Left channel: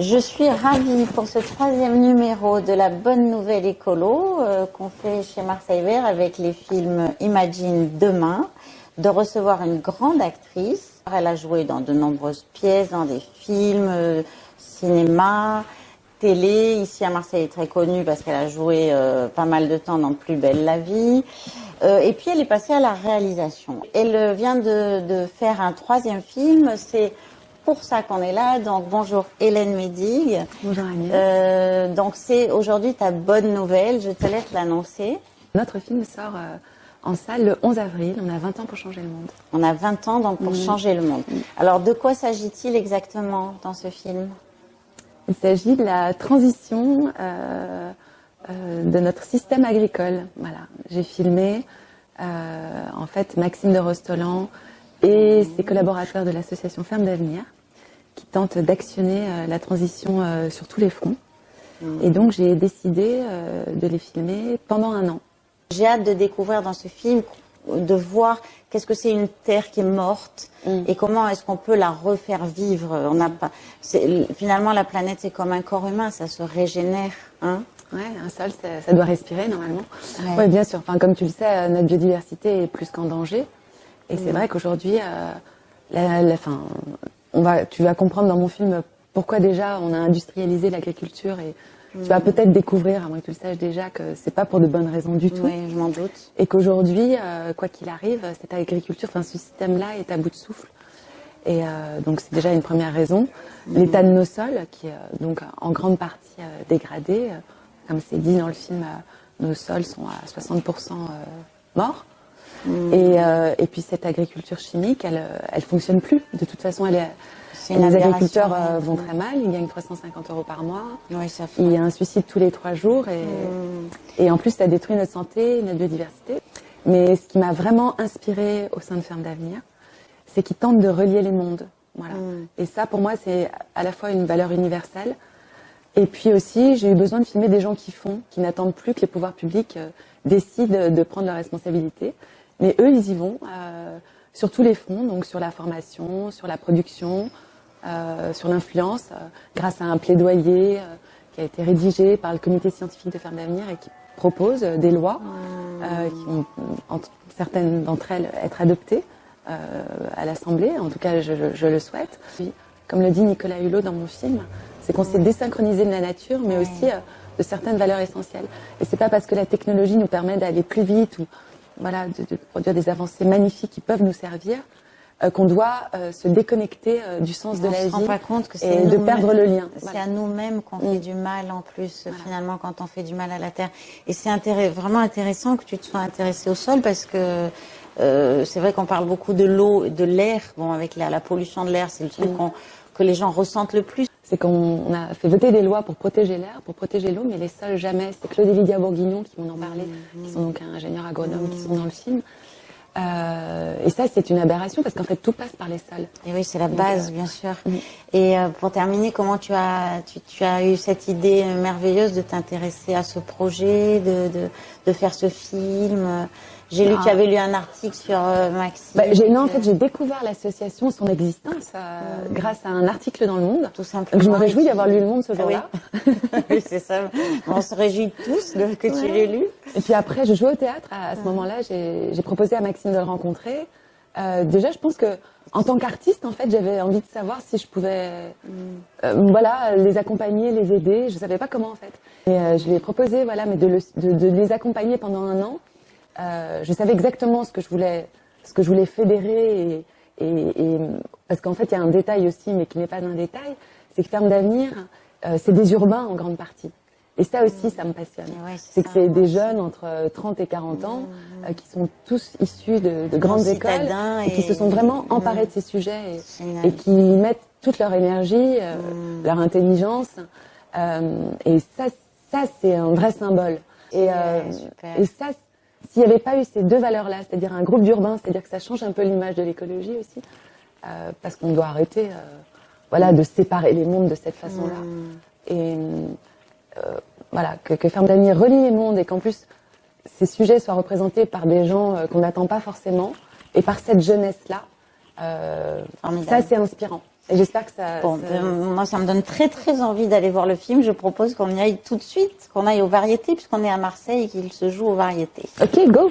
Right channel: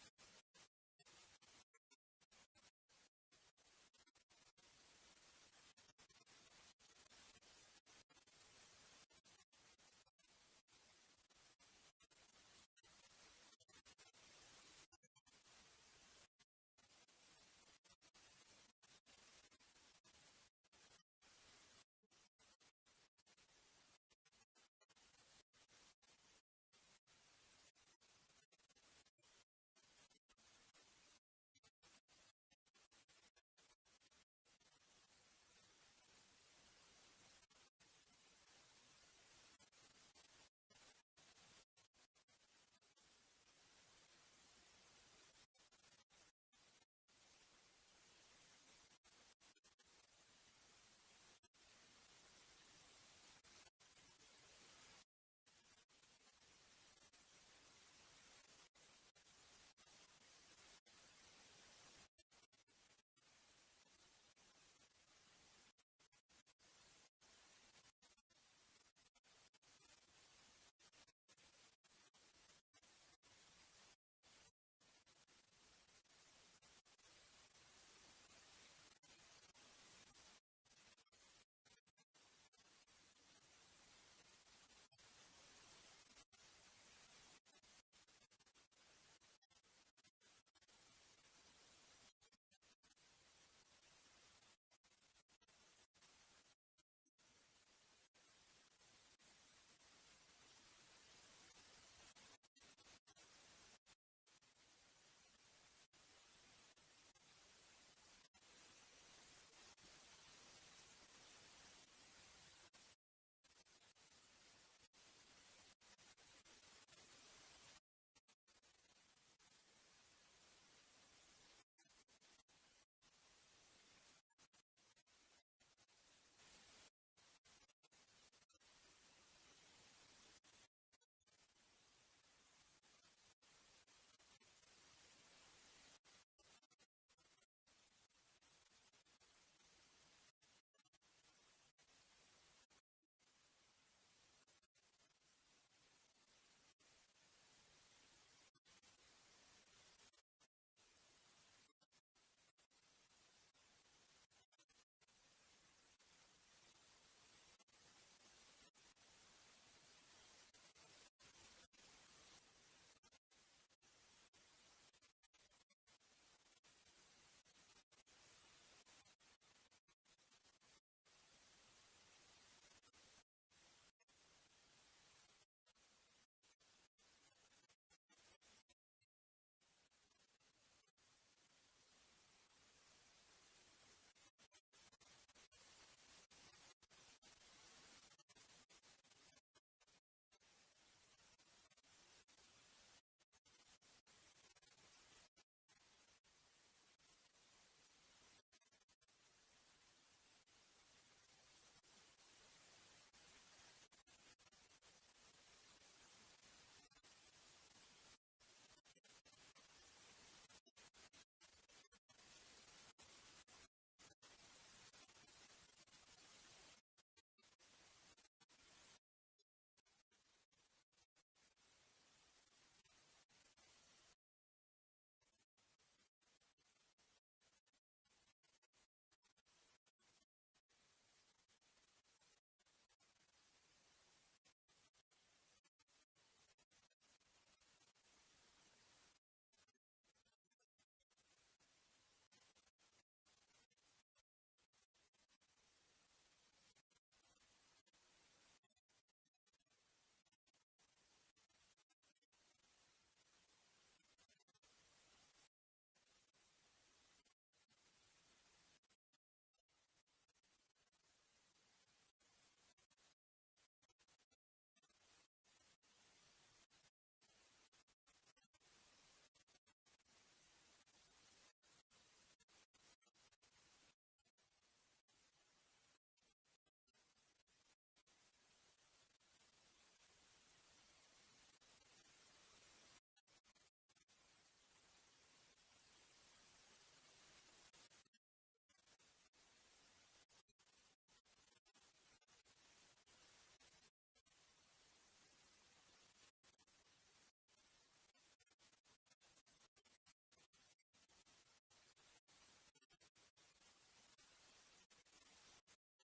Je suis ravie pour ce troisième numéro de la bonne nouvelle écolo qu'on fait chez Marseille Vert avec les films Imagine demain, de recevoir une grande actrice. Elle a joué dans de nombreuses pièces, dans des films, cinéma, télé. Ici à Marseille, elle est très connue parce qu'elle a joué pas mal de temps dans Plus belle la vie. Et puis elle est passée à la réalisation. Elle vient de faire un troisième film. C'est pour ça qu'on est là. Donc bonjour Hélène Médig. Bonjour Agnès. Donc c'est aujourd'hui ta bonne nouvelle. Je te laisse l'annoncer. Notre film sort en salle le 11 avril. On a 20 ans pour changer le monde. On a 20 ans donc pour changer le monde. Alors de quoi s'agit-il exactement dans ce film? Il s'agit de la transition de notre système agricole. Voilà. J'ai filmé en fait Maxime de Rostolan et ses collaborateurs de l'association Ferme d'Avenir qui tentent d'actionner la transition sur tous les fronts. Et donc j'ai décidé de les filmer pendant un an. J'ai hâte de découvrir dans ce film, de voir qu'est-ce que c'est une terre qui est morte et comment est-ce qu'on peut la refaire vivre. On n'a pas, finalement, la planète, c'est comme un corps humain, ça se régénère. Hein. Ouais, un sol, ça doit respirer normalement. Ouais. Ouais, bien sûr. Enfin, comme tu le sais, notre biodiversité est plus qu'en danger. Et c'est vrai qu'aujourd'hui, tu vas comprendre dans mon film pourquoi déjà on a industrialisé l'agriculture et tu vas peut-être découvrir, à moins que tu le saches déjà, que c'est pas pour de bonnes raisons du tout. Oui, je m'en doute. Et qu'aujourd'hui, quoi qu'il arrive, cette agriculture, enfin ce système-là est à bout de souffle. Et donc c'est déjà une première raison. L'état de nos sols, qui est donc en grande partie dégradé, comme c'est dit dans le film, nos sols sont à 60% morts. Et puis cette agriculture chimique, elle fonctionne plus. De toute façon, les agriculteurs vont très mal. Ils gagnent 350 € par mois. Oui, ça fait. Il y a un suicide tous les 3 jours. Et en plus, ça détruit notre santé, notre biodiversité. Mais ce qui m'a vraiment inspirée au sein de Ferme d'Avenir, c'est qu'ils tentent de relier les mondes. Voilà. Et ça, pour moi, c'est à la fois une valeur universelle. Et puis aussi, j'ai eu besoin de filmer des gens qui font, qui n'attendent plus que les pouvoirs publics décident de prendre leurs responsabilités. Mais eux, ils y vont sur tous les fronts, donc sur la formation, sur la production, sur l'influence, grâce à un plaidoyer qui a été rédigé par le comité scientifique de Ferme d'Avenir et qui propose des lois qui vont, certaines d'entre elles, être adoptées à l'Assemblée. En tout cas, je le souhaite. Puis, comme le dit Nicolas Hulot dans mon film, c'est qu'on s'est désynchronisé de la nature, mais aussi de certaines valeurs essentielles. Et c'est pas parce que la technologie nous permet d'aller plus vite ou voilà, de produire des avancées magnifiques qui peuvent nous servir, qu'on doit se déconnecter du sens de la vie. On se rend pas compte que et de perdre le lien. C'est à nous-mêmes qu'on fait du mal en plus, finalement, quand on fait du mal à la terre. Et c'est vraiment intéressant que tu te sois intéressé au sol parce que c'est vrai qu'on parle beaucoup de l'eau, de l'air. Bon, avec la pollution de l'air, c'est le truc que les gens ressentent le plus. C'est qu'on a fait voter des lois pour protéger l'air, pour protéger l'eau, mais les sols jamais. C'est Claude et Lydia Bourguignon qui m'en ont parlé, qui sont donc ingénieurs agronomes, qui sont dans le film. Et ça, c'est une aberration parce qu'en fait, tout passe par les sols. Et oui, c'est la base, bien sûr. Et pour terminer, comment tu as eu cette idée merveilleuse de t'intéresser à ce projet, de faire ce film? J'ai lu que tu avais lu un article sur Maxime. Non, en fait, j'ai découvert l'association, son existence, grâce à un article dans Le Monde. Tout simplement. Donc, je me réjouis d'avoir lu Le Monde ce jour-là. Oui, c'est ça. On se réjouit tous que tu l'aies lu. Et puis après, je jouais au théâtre. À ce moment-là, j'ai proposé à Maxime de le rencontrer. Déjà, je pense que en tant qu'artiste, en fait, j'avais envie de savoir si je pouvais, voilà, les accompagner, les aider. Je savais pas comment, en fait. Et je lui ai proposé, voilà, mais de les accompagner pendant un an. Je savais exactement ce que je voulais fédérer et parce qu'en fait il y a un détail aussi, mais qui n'est pas un détail, c'est que Ferme d'Avenir, c'est des urbains en grande partie. Et ça aussi, ça me passionne. Ouais, c'est que c'est des jeunes entre 30 et 40 ans qui sont tous issus de grandes écoles et qui se sont vraiment emparés de ces sujets et qui mettent toute leur énergie, leur intelligence. Et ça c'est un vrai symbole. Et ça, s'il n'y avait pas eu ces deux valeurs-là, c'est-à-dire un groupe d'urbains, c'est-à-dire que ça change un peu l'image de l'écologie aussi, parce qu'on doit arrêter voilà, de séparer les mondes de cette façon-là. Et voilà, que Ferme d'Avenir relie les mondes et qu'en plus ces sujets soient représentés par des gens qu'on n'attend pas forcément et par cette jeunesse-là, ça c'est inspirant. Et j'espère que ça... Bon, moi, ça me donne très, très envie d'aller voir le film. Je propose qu'on y aille tout de suite, qu'on aille aux variétés, puisqu'on est à Marseille et qu'il se joue aux variétés. Ok, go!